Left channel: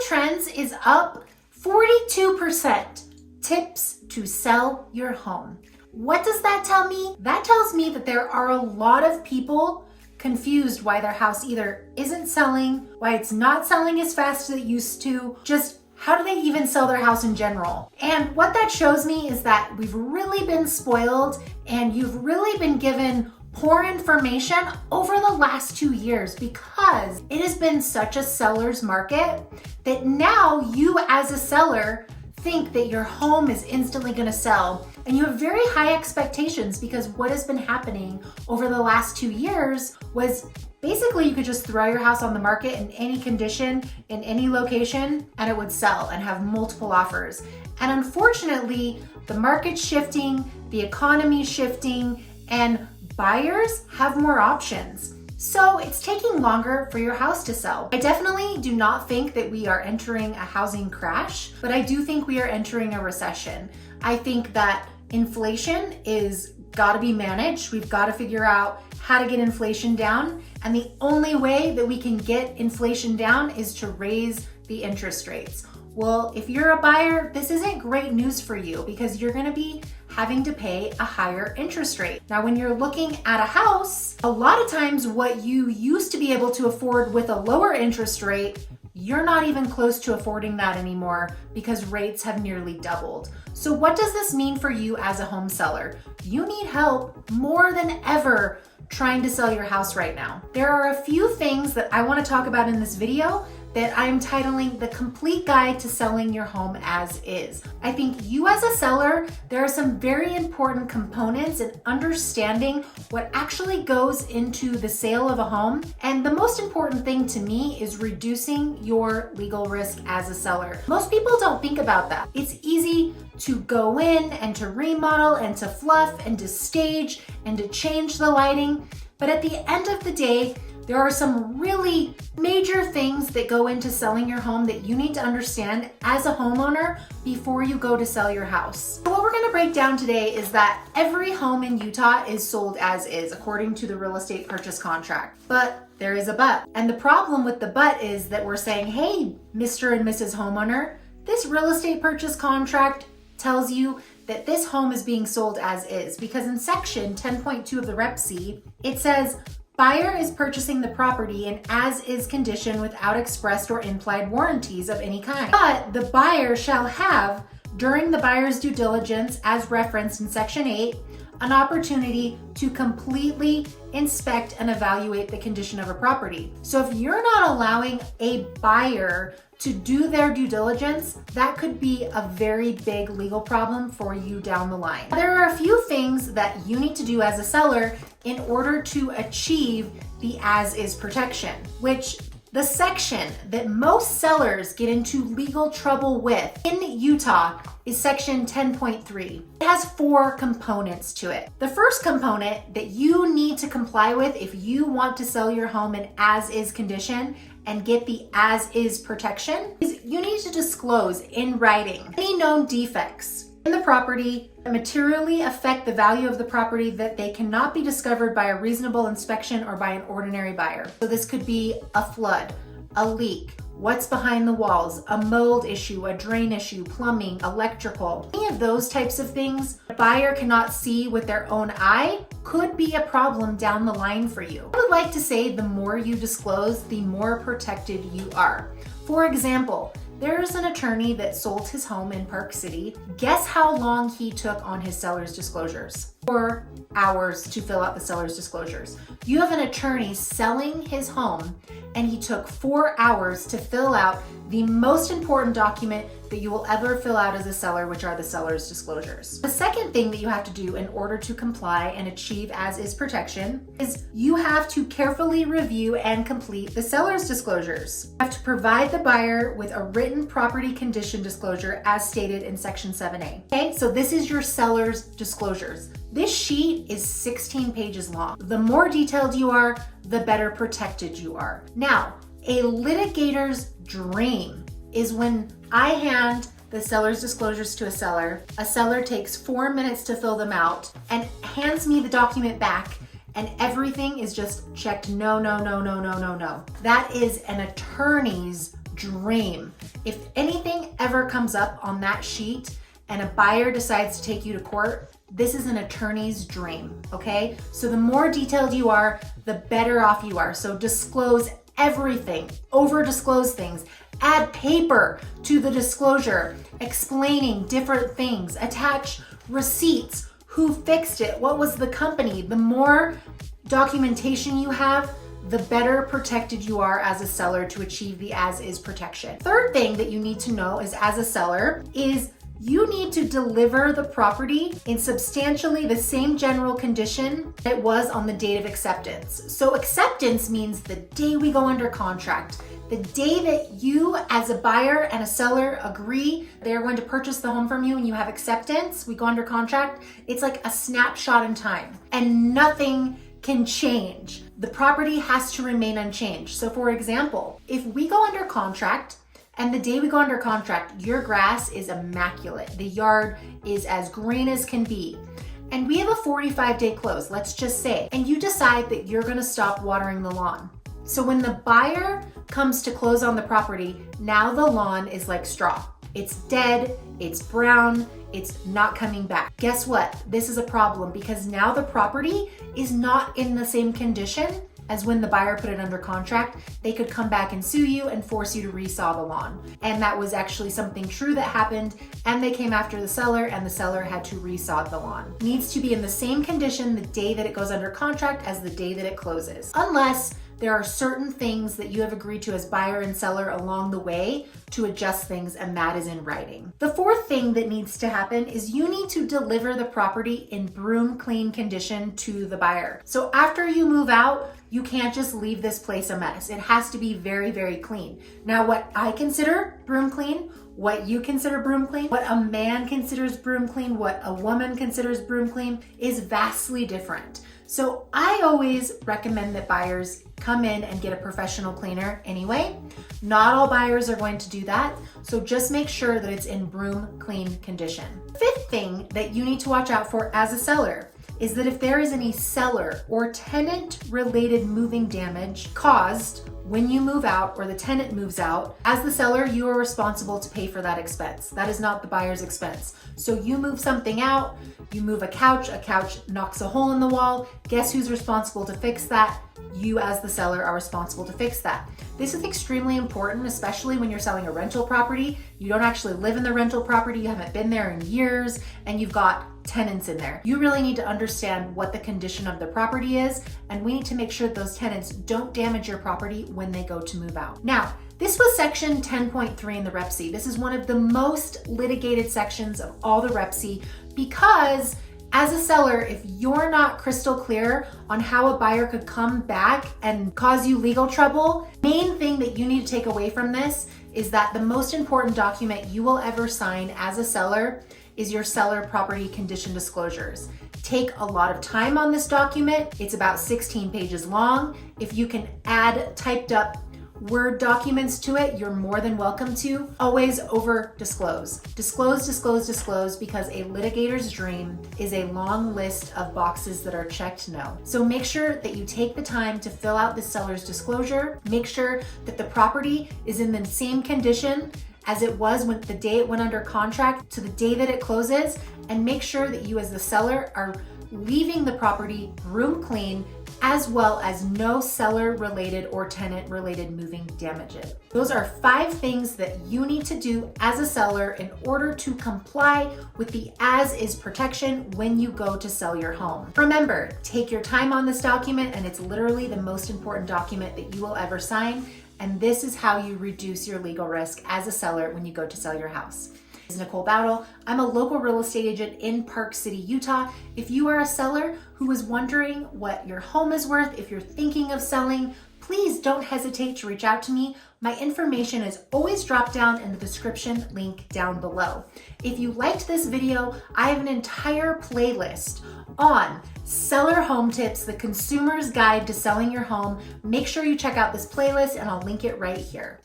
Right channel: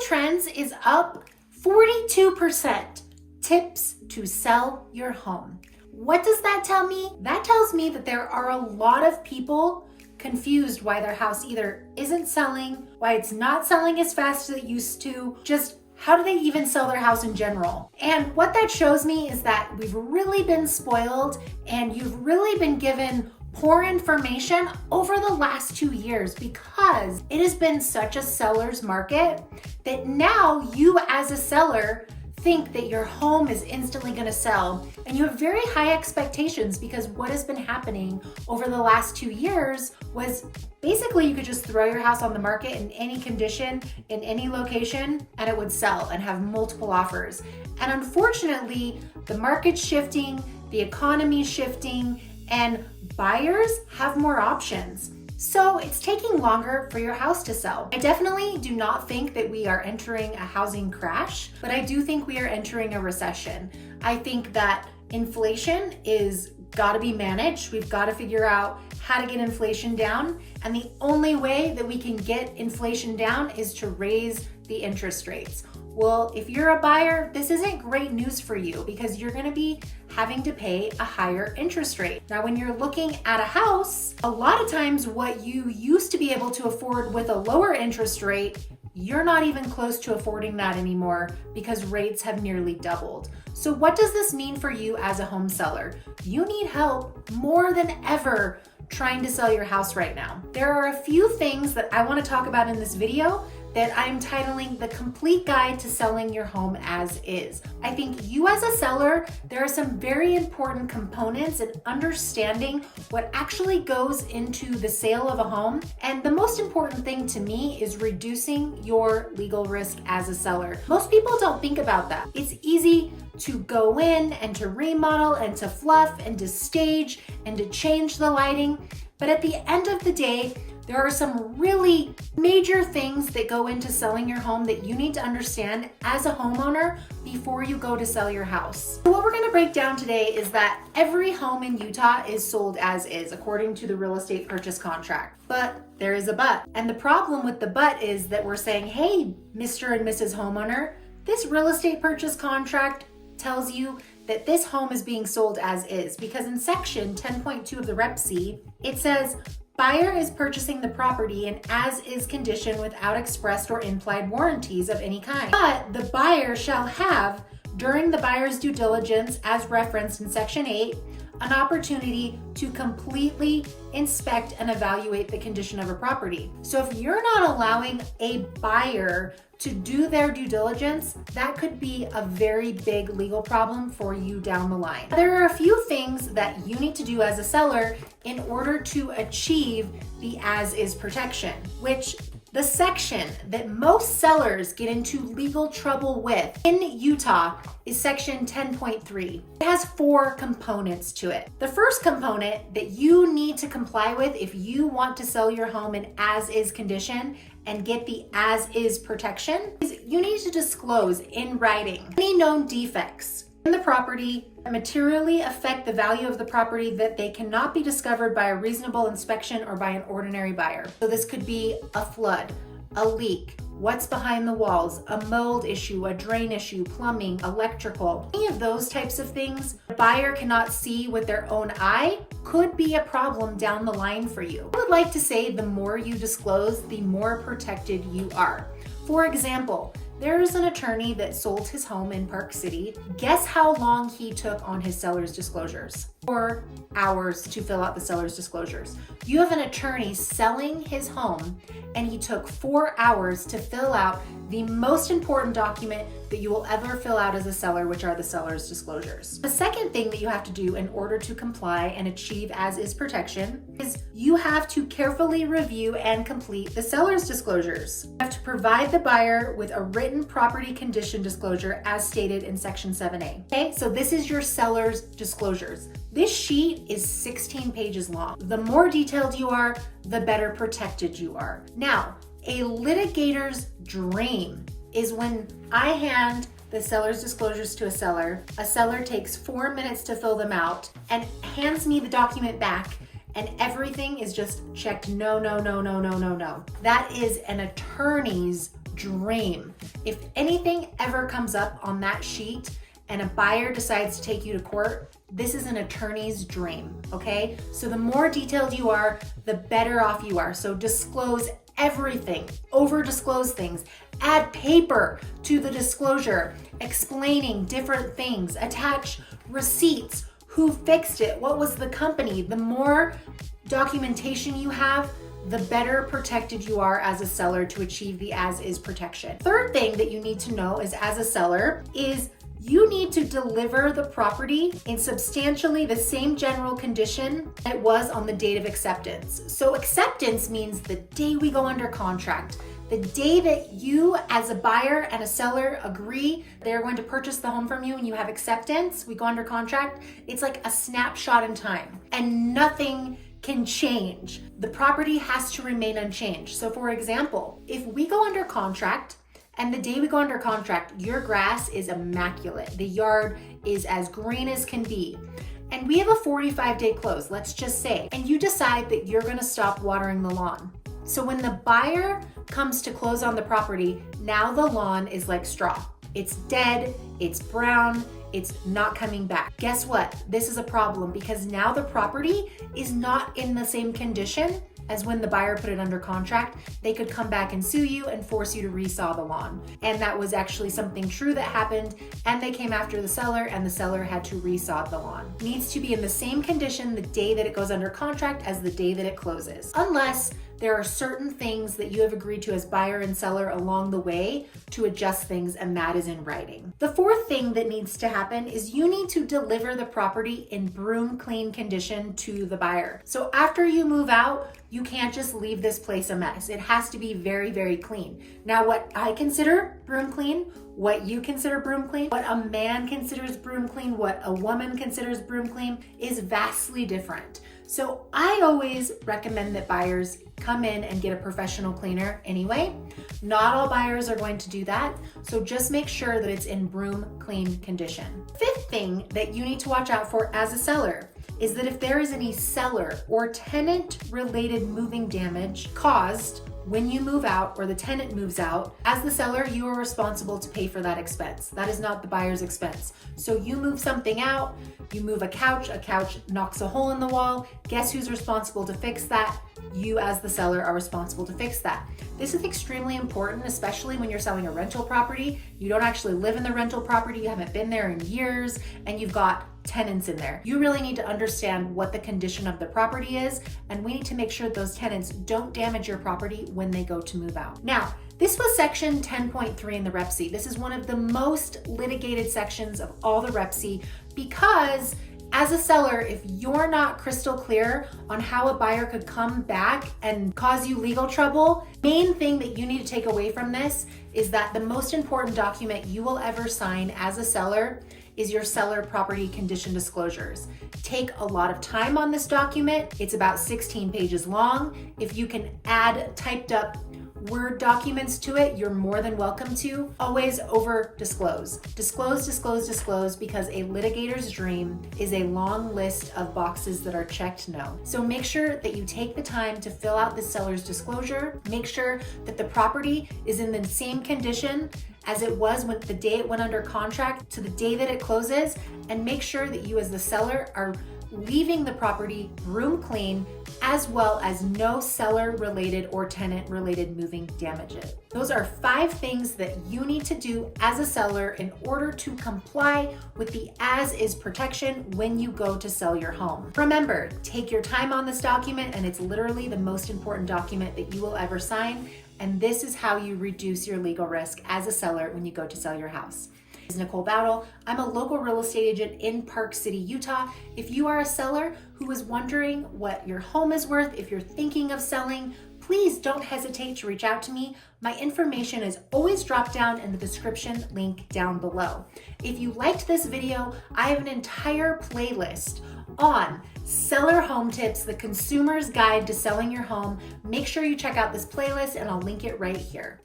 Trends is up 42%. Tips to sell your home. What does that tell me? That tells me that there are a lot of people confused why their house either isn't selling, why it's not selling as fast as it used to, just how do they even sell their house in general? And what that shows me is that we've really been spoiled and you've really been given poor information over the last 2 years because it has been such a seller's market that now you as a seller think that your home is instantly going to sell and you have very high expectations because what has been happening over the last 2 years was basically you could just throw your house on the market in any condition, in any location, and it would sell and have multiple offers. And unfortunately, the market's shifting, the economy's shifting, and buyers have more options. So it's taking longer for your house to sell. I definitely do not think that we are entering a housing crash, but I do think we are entering a recession. I think that inflation is gotta be managed. We've gotta figure out how to get inflation down. And the only way that we can get inflation down is to raise the interest rates. Well, if you're a buyer, this isn't great news for you because you're gonna be having to pay a higher interest rate. Now, when you're looking at a house, a lot of times what you used to be able to afford with a lower interest rate, you're not even close to affording that anymore because rates have nearly doubled. So what does this mean for you as a home seller? You need help more than ever trying to sell your house right now. There are a few things that I want to talk about in this video that I'm titling The Complete Guide to Selling Your Home As Is. I think you as a seller, there are some very important components in understanding what actually goes into the sale of a home. And the most important thing to me is reducing your legal risk as a seller. Most people don't think about that. It's easy to go in and to remodel and to fluff and to stage and to change the lighting. But at the end of the day, there are some really major things that go into selling your home that you need to understand as a homeowner before you go to sell your house. So what we're gonna break down today is that every home in Utah is sold as is, according to the real estate purchase contract. But there is a but. And the problem with the but is that we're saying, hey, Mr. and Mrs. Homeowner, this real estate purchase contract tells you that this home is being sold as is, because in section 10.2 of the Rep C, it says, buyer is purchasing the property in as-is condition without expressed or implied warranties of any kind. But the buyer shall have, during the buyer's due diligence, as referenced in Section 8, an opportunity to completely inspect and evaluate the condition of a property. So if you're not allowing a buyer to do their due diligence, that could be a very big legal problem for you down the line. There are a few things that you need to do as a seller in order to achieve the as-is protection, which the section that most sellers get into legal trouble with in Utah is section 10.3. It has 4 components to it. The first component that you need to comply with if you want to sell your home in as-is condition and get the as-is protection is you need to disclose in writing any known defects in the property that materially affect the value of the property that they cannot be discovered by a reasonable inspection or by an ordinary buyer. So this could be a flood, a leak, what's behind the walls, a mold issue, a drain issue, plumbing, electrical. Any of those types of things a buyer cannot see with their own eye could be a problem down the line for you. I would like to say the more you disclose, the more protected you are. For example, there's an attorney that sold his home in Park City. Guess how long he took on his seller's disclosures? 4 hours to fill out the seller's disclosures. You have an attorney selling his home and he took 4 hours to fill out the most important document that you will ever fill out as a seller, which are the seller's disclosures. The second thing that you have to do in order to comply and achieve as-is protection is you have to carefully review and complete the seller's disclosures. You have to provide the buyer with a written property condition disclosure as stated in section 7A. Okay, so this is your seller's disclosures. This sheet is 16 pages long. The more detailed you are, the better protected you are. Now, a litigator's dream is when I hand the seller's disclosures to a seller takes 4 minutes to fill them out and hands me the document back and everything is just checked no, no, no, no, no, no, no. That is an attorney's dream. If anything ever comes up on that sheet and a buyer decides to take you to court, this is an attorney's dream, okay? So the more detailed you are, the better off you are. So disclose everything, over disclose things, add paper to the disclosure, explaining different things, attach receipts, who fixed it, what was the company. The more documentation you have, the better protected you are as a seller to achieve the as-is protection. Third thing that you need to know is, as a seller, is you need to deliver the property in substantially the same general condition it was on the date of acceptance. So acceptance means the day we go under contract, the day that you as a buyer and a seller agree they're going to purchase the home from you and you have acceptance, we go under contract, it's like a snapshot in time and nothing can change. The property has to remain unchanged. So for example, if we go under contract and the day we go under contract, your grass is immaculate, the yard is as green as can be, and we have a 45-day close, let's just say, and you decide that you're gonna stop watering the lawn. So when the buyer comes to close on the property, now the lawn is like straw. It's dead, it's brown, it's not coming back. Guess what? This is a problem because now the property is not in the same condition as when the buyer put it under contract. They could come back and sue you and force you to resaw the lawn. And that was actually something true that happened, and they came after the seller and the seller had to resaw the lawn. It needs to be in the same condition the day that it goes under contract as the day that it closes. Unless there are certain things that you have agreed to as buyer and seller along the way to adjust things, and that is in writing. The fourth thing that needs to happen is you need to deliver the property in broom clean condition to the buyer. So after you move out, you can't just leave this place a mess. It has to be very, very clean. Now, what I consider broom clean, what you consider broom clean, what a man considers broom clean, what a woman considers broom clean is vastly different. So I always recommend that buyers come in and get a professional cleaner anyway. Not all buyers are going to do that, so just make sure that it's in broom clean condition. Fifth thing that you need to watch out for as a seller is that if there is any seller or tenant related moving damage caused when you move out or the tenant moves out, as the seller, you are responsible to pay for that expense. That is not the buyer's expense. So you move something out, you move a couch knocks a hole in the wall, guess who's responsible to fix that? You as the seller are responsible to fix that. This is extremely important, especially when you're selling a rental property. You don't actually live in the rental property, you haven't been there in years, and you've got tenants in there. You really need to understand what the condition of the property is, and we need to make sure those tenants don't damage your property when they go to move out. Now, this was section 10.3 in the REPC. This is one of the most litigated sections of all the REPC because as a seller, if you're not crystal clear on how a buyer could come back and cause you legal trouble, main thing that you need to take away from this is that the most important document you will ever sign as a seller is your seller property condition disclosures. Take a lot of time on this document. It's about 16 pages long. If you can add typed up Word documents to it, you're more than welcome to. Always over disclose. Disclose, because a litigator's dream is a long list of boxes that are checked no. So make sure that you take the time to fill out the seller's disclosure. Make sure that the property is in the same condition as it was when the day it went under contract to the day that it closes, and make sure that you as the seller are leaving the property room clean, as well as no seller related or tenant related moving damages. Those are 5 things that you need to do as a seller in order to comply with the as-is protection when you go to sell your home. Remember, take your time on this document, and it's literally the most important document that you will ever sign. And this is how you reduce your legal risk as a seller when you go to sell your house. This is Nicole Bowdle. I'm a local real estate agent in Park City, Utah. If you are a seller who is wondering what your home is worth, if you're thinking of selling, please don't hesitate to reach out to me. My information is always dropped down in the description link down below. If you liked this video, I have an entire playlist on Seller Home Tips, the consumer's guide to selling your home. Make sure you check out this playlist and I'll link it right here.